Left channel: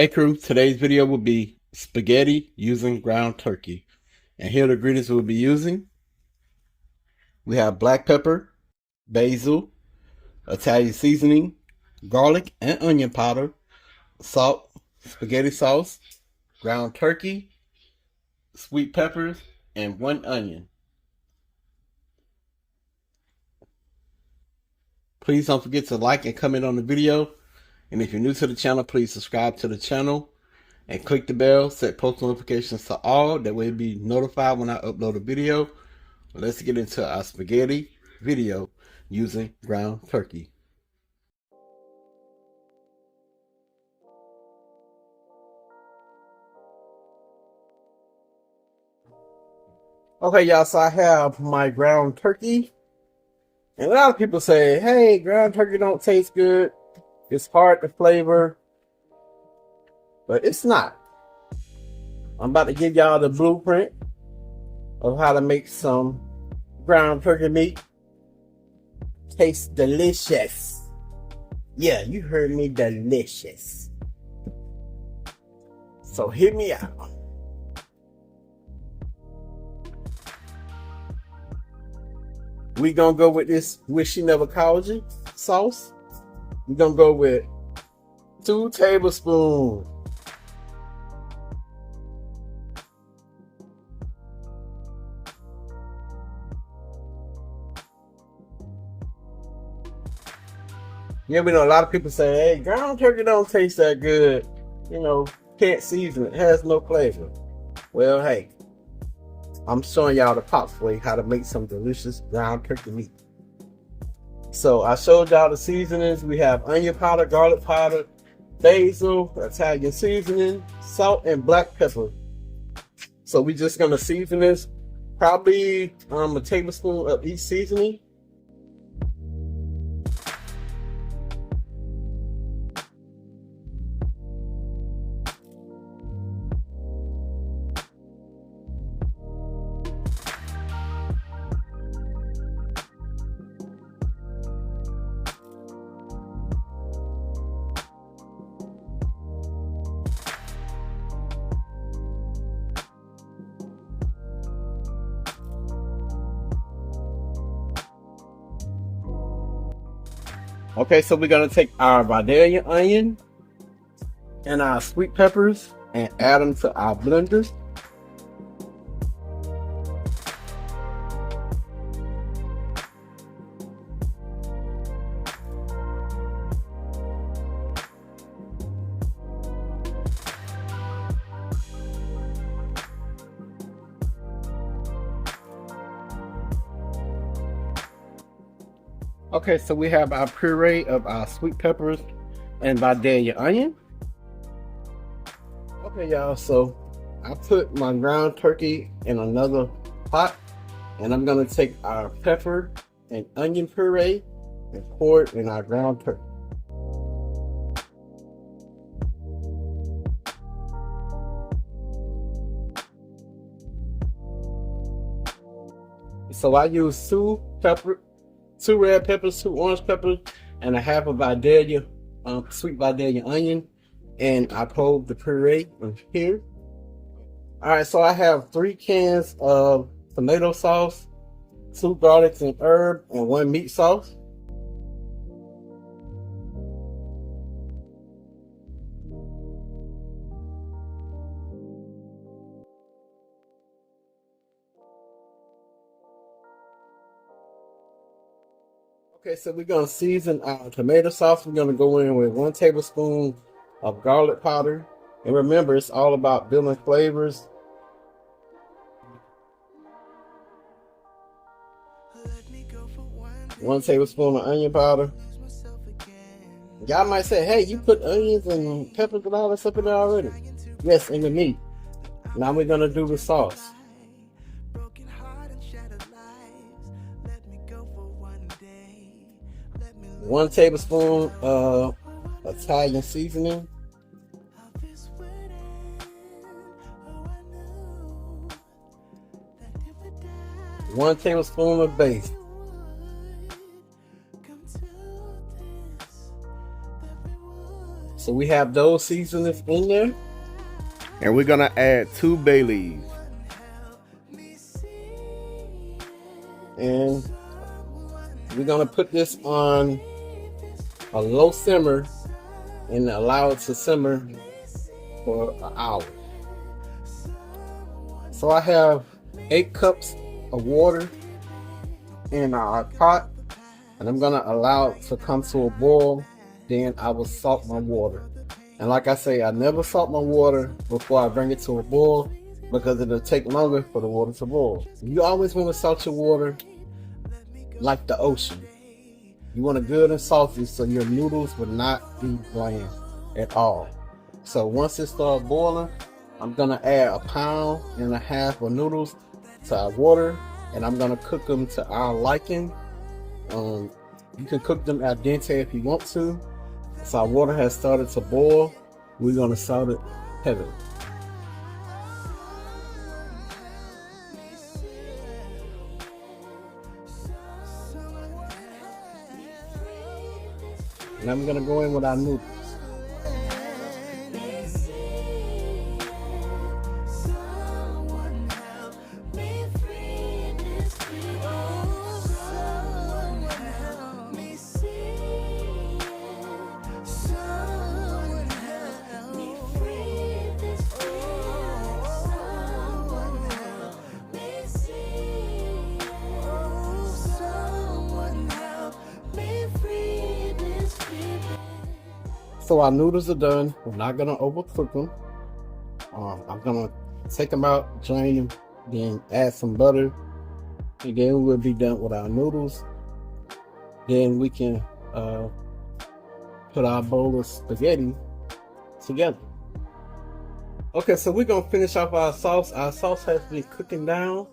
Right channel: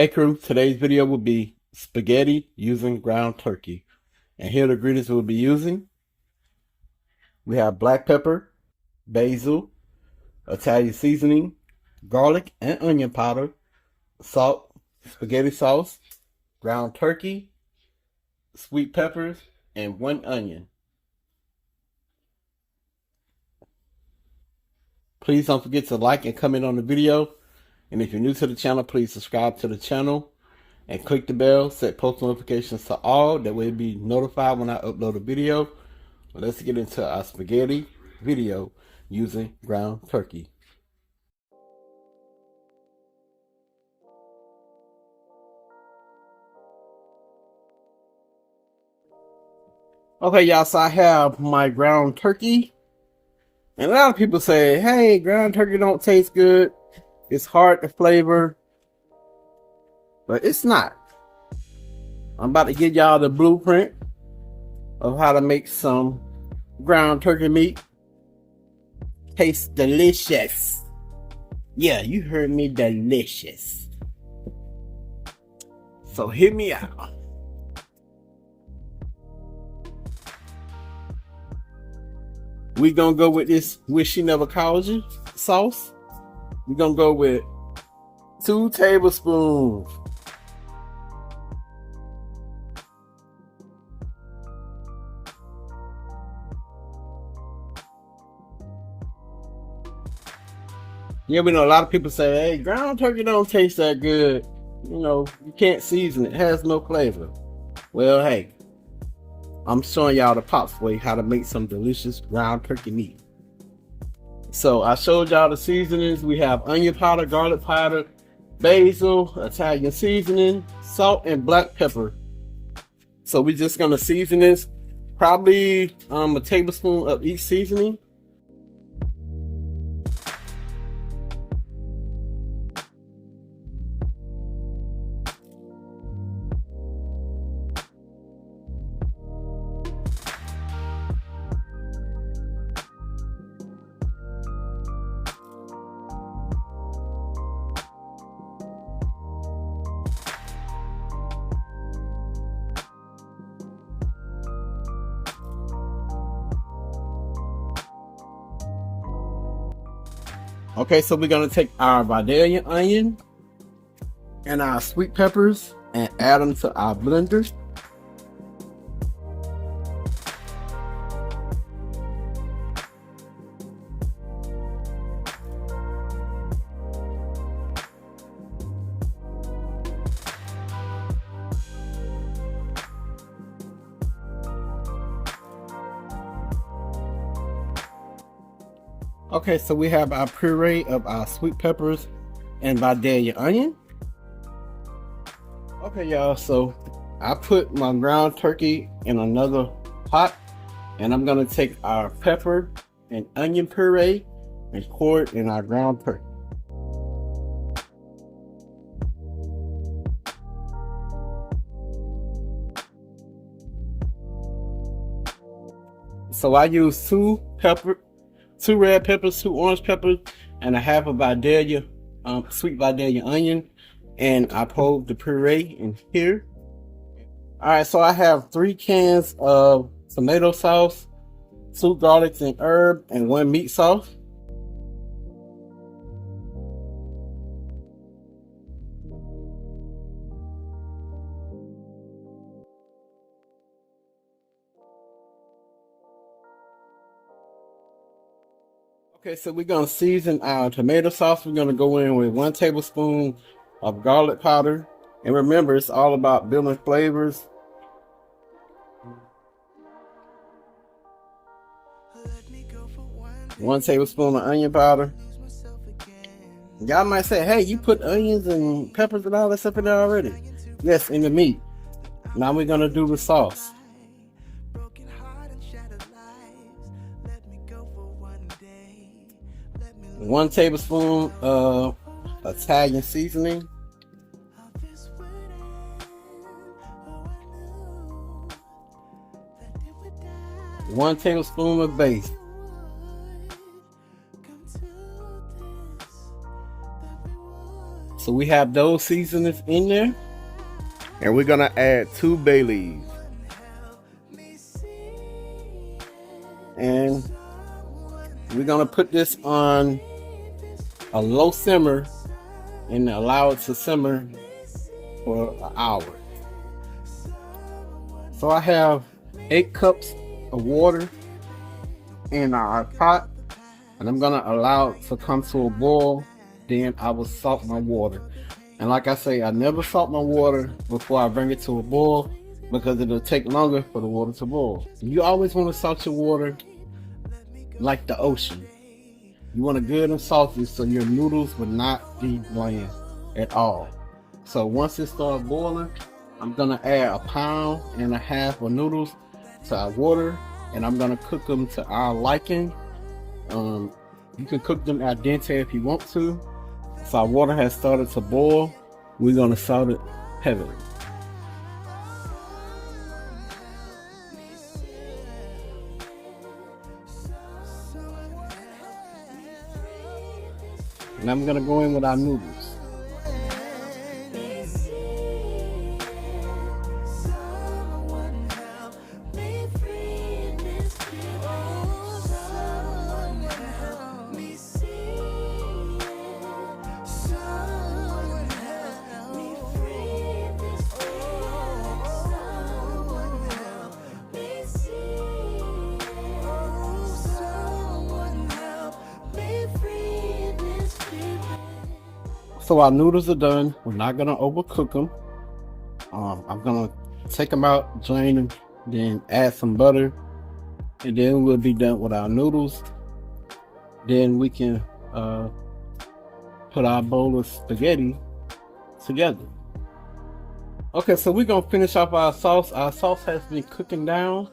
Hey crew, today's video will be spaghetti using ground turkey. And here are the ingredients we'll be using. We have black pepper, basil, Italian seasoning, garlic and onion powder, salt, spaghetti sauce, ground turkey, sweet peppers, and 1 onion. Please don't forget to like and comment on the video. And if you're new to the channel, please subscribe to the channel and click the bell, set post notifications to all. That way you'll be notified when I upload a video. Let's get into our spaghetti video using ground turkey. Okay, y'all, so I have my ground turkey. And a lot of people say, hey, ground turkey don't taste good. It's hard to flavor. But it's not. I'm about to give y'all the blueprint of how to make some ground turkey meat. Tastes delicious. Yeah, you heard me, delicious. So hear me out. We gonna go with this Wish She Never Called You sauce. We're gonna go with 2 tablespoons. Yeah, we know a lot of people say, hey, ground turkey don't taste that good. You know, you can't season it. It has no flavor. Well, hey, I'm showing y'all the Pop's way how to make some delicious ground turkey meat. So I showed y'all the seasonings. We have onion powder, garlic powder, basil, Italian seasoning, salt, and black pepper. So we're just gonna season this, probably a tablespoon of each seasoning. Okay, so we're gonna take our Vidalia onion and our sweet peppers and add them to our blender. Okay, so we have our puree of our sweet peppers and Vidalia onion. Okay, y'all, so I put my ground turkey in another pot, and I'm gonna take our pepper and onion puree and pour it in our ground turkey. So I use 2 red peppers, 2 orange peppers, and a half of Vidalia, sweet Vidalia onion, and I poured the puree in here. All right, so I have 3 cans of tomato sauce, 2 garlics and herb, and 1 meat sauce. Okay, so we're gonna season our tomato sauce. We're gonna go in with 1 tablespoon of garlic powder. And remember, it's all about building flavors. One tablespoon of onion powder. Y'all might say, hey, you put onions and peppers and all that stuff in there already. Yes, in the meat. Now we're gonna do the sauce. 1 tablespoon of Italian seasoning. 1 tablespoon of basil. So we have those seasonings in there. And we're gonna add 2 bay leaves. And we're gonna put this on a low simmer and allow it to simmer for an hour. So I have 8 cups of water in our pot, and I'm gonna allow it to come to a boil. Then I will salt my water. And like I say, I never salt my water before I bring it to a boil because it'll take longer for the water to boil. You always want to salt your water like the ocean. You want it good and salty so your noodles will not be bland at all. So once it starts boiling, I'm gonna add 1.5 pounds of noodles to our water, and I'm gonna cook them to our liking. You can cook them al dente if you want to. So our water has started to boil. We're gonna salt it heavily. And I'm gonna go in with our noodles. So our noodles are done. We're not gonna overcook them. I'm gonna take them out, drain them, then add some butter, and then we'll be done with our noodles. Then we can put our bowl of spaghetti together. Okay, so we're gonna finish off our sauce. Our sauce has been cooking down.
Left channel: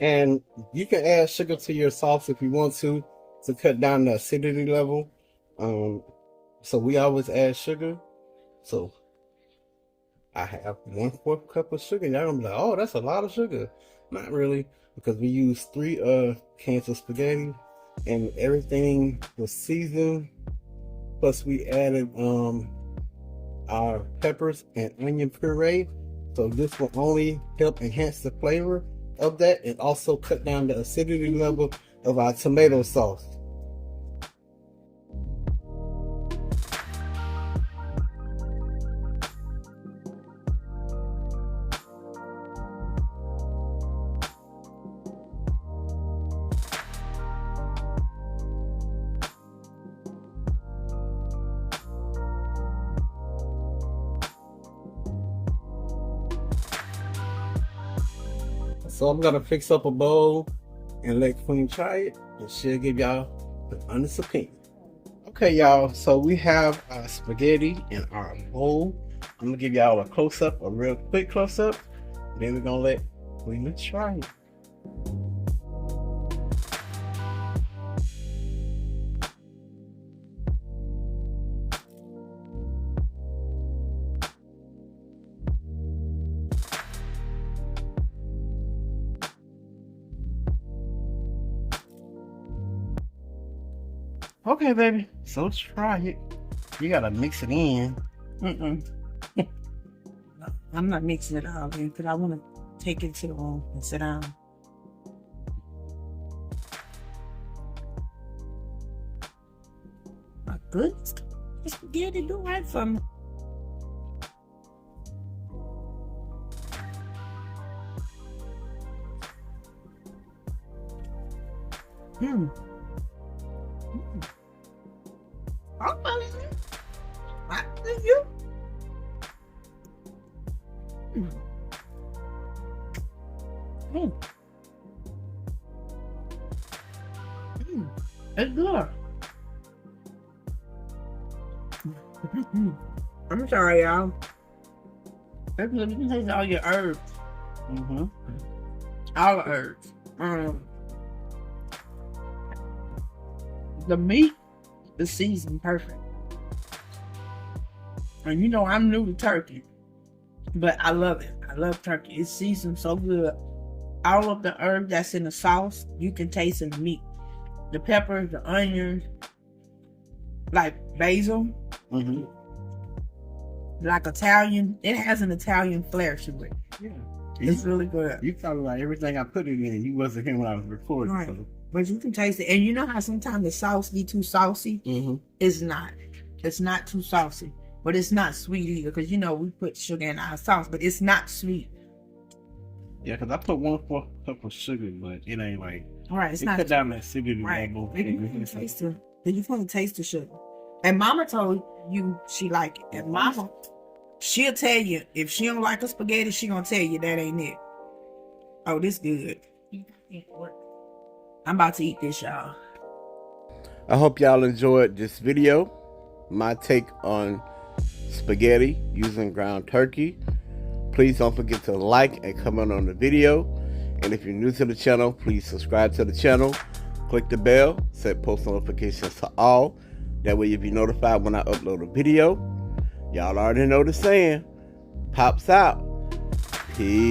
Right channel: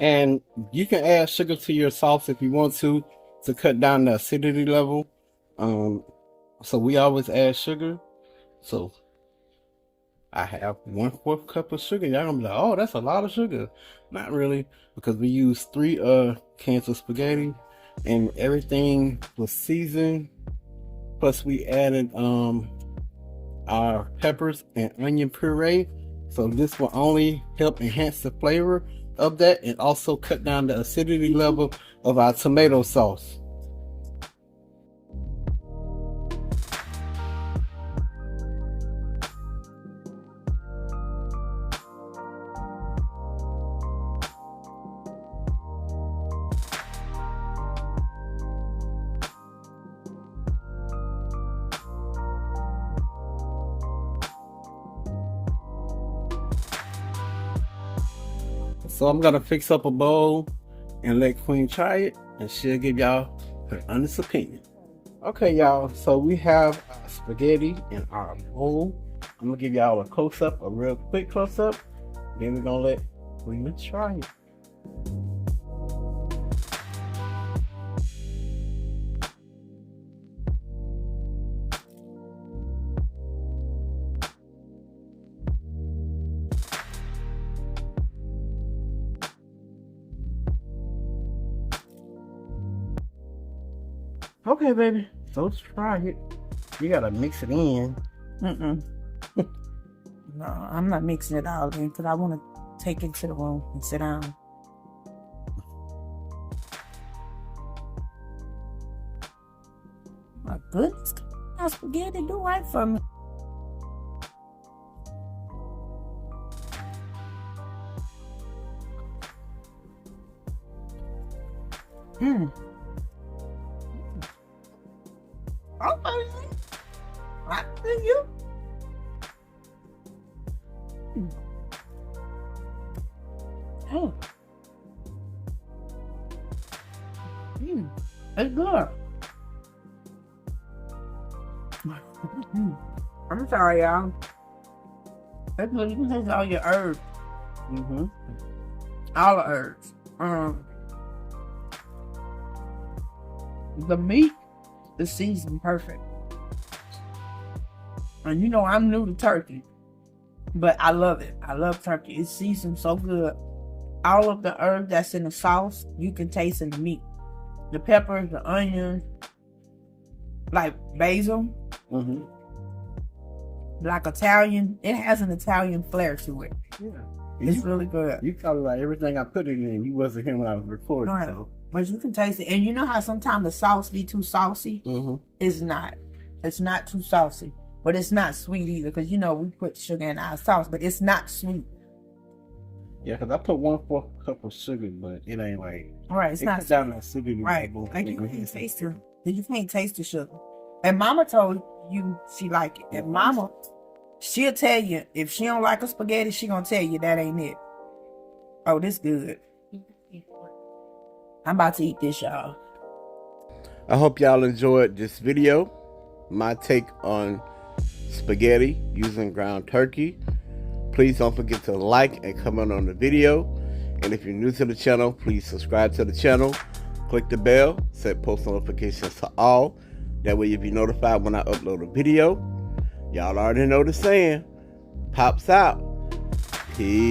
And you can add sugar to your sauce if you want to cut down the acidity level. So we always add sugar. So I have 1/4 cup of sugar. Y'all gonna be like, oh, that's a lot of sugar. Not really, because we used 3 cans of spaghetti and everything was seasoned. Plus we added our peppers and onion puree. So this will only help enhance the flavor of that and also cut down the acidity level of our tomato sauce. So I'm gonna fix up a bowl and let Queen try it, and she'll give y'all her honest opinion. Okay, y'all, so we have our spaghetti in our bowl. I'm gonna give y'all a close-up, a real quick close-up. Then we're gonna let Queen try it. Okay, baby, so try it. You gotta mix it in. No, I'm not mixing it all in because I want to take it to the room and sit down. My goodness, my spaghetti do right for me. I see you. It's good. I'm sorry, y'all. That's what you can taste all your herbs. All the herbs. The meat is seasoned perfect. And you know I'm new to turkey, but I love it. I love turkey. It's seasoned so good. All of the herbs that's in the sauce, you can taste in the meat. The peppers, the onions, like basil, like Italian. It has an Italian flair to it. Yeah. It's really good. You probably like everything I put it in. You wasn't here when I was recording. Right. So. But you can taste it. And you know how sometimes the sauce be too saucy? It's not. It's not too saucy. But it's not sweet either. Because, you know, we put sugar in our sauce. But it's not sweet. Yeah, because I put 1/4 cup of sugar, but it ain't like... Right, it's not cut down that sugar. Right. Like you can't taste it. You can't taste the sugar. And Mama told you she like it. And Mama, she'll tell you, if she don't like a spaghetti, she gonna tell you that ain't it. Oh, this good. I'm about to eat this, y'all. I hope y'all enjoyed this video. My take on spaghetti using ground turkey. Please don't forget to like and comment on the video. And if you're new to the channel, please subscribe to the channel. Click the bell, set post notifications to all. That way you'll be notified when I upload a video. Y'all already know the saying. Pops out. Peace.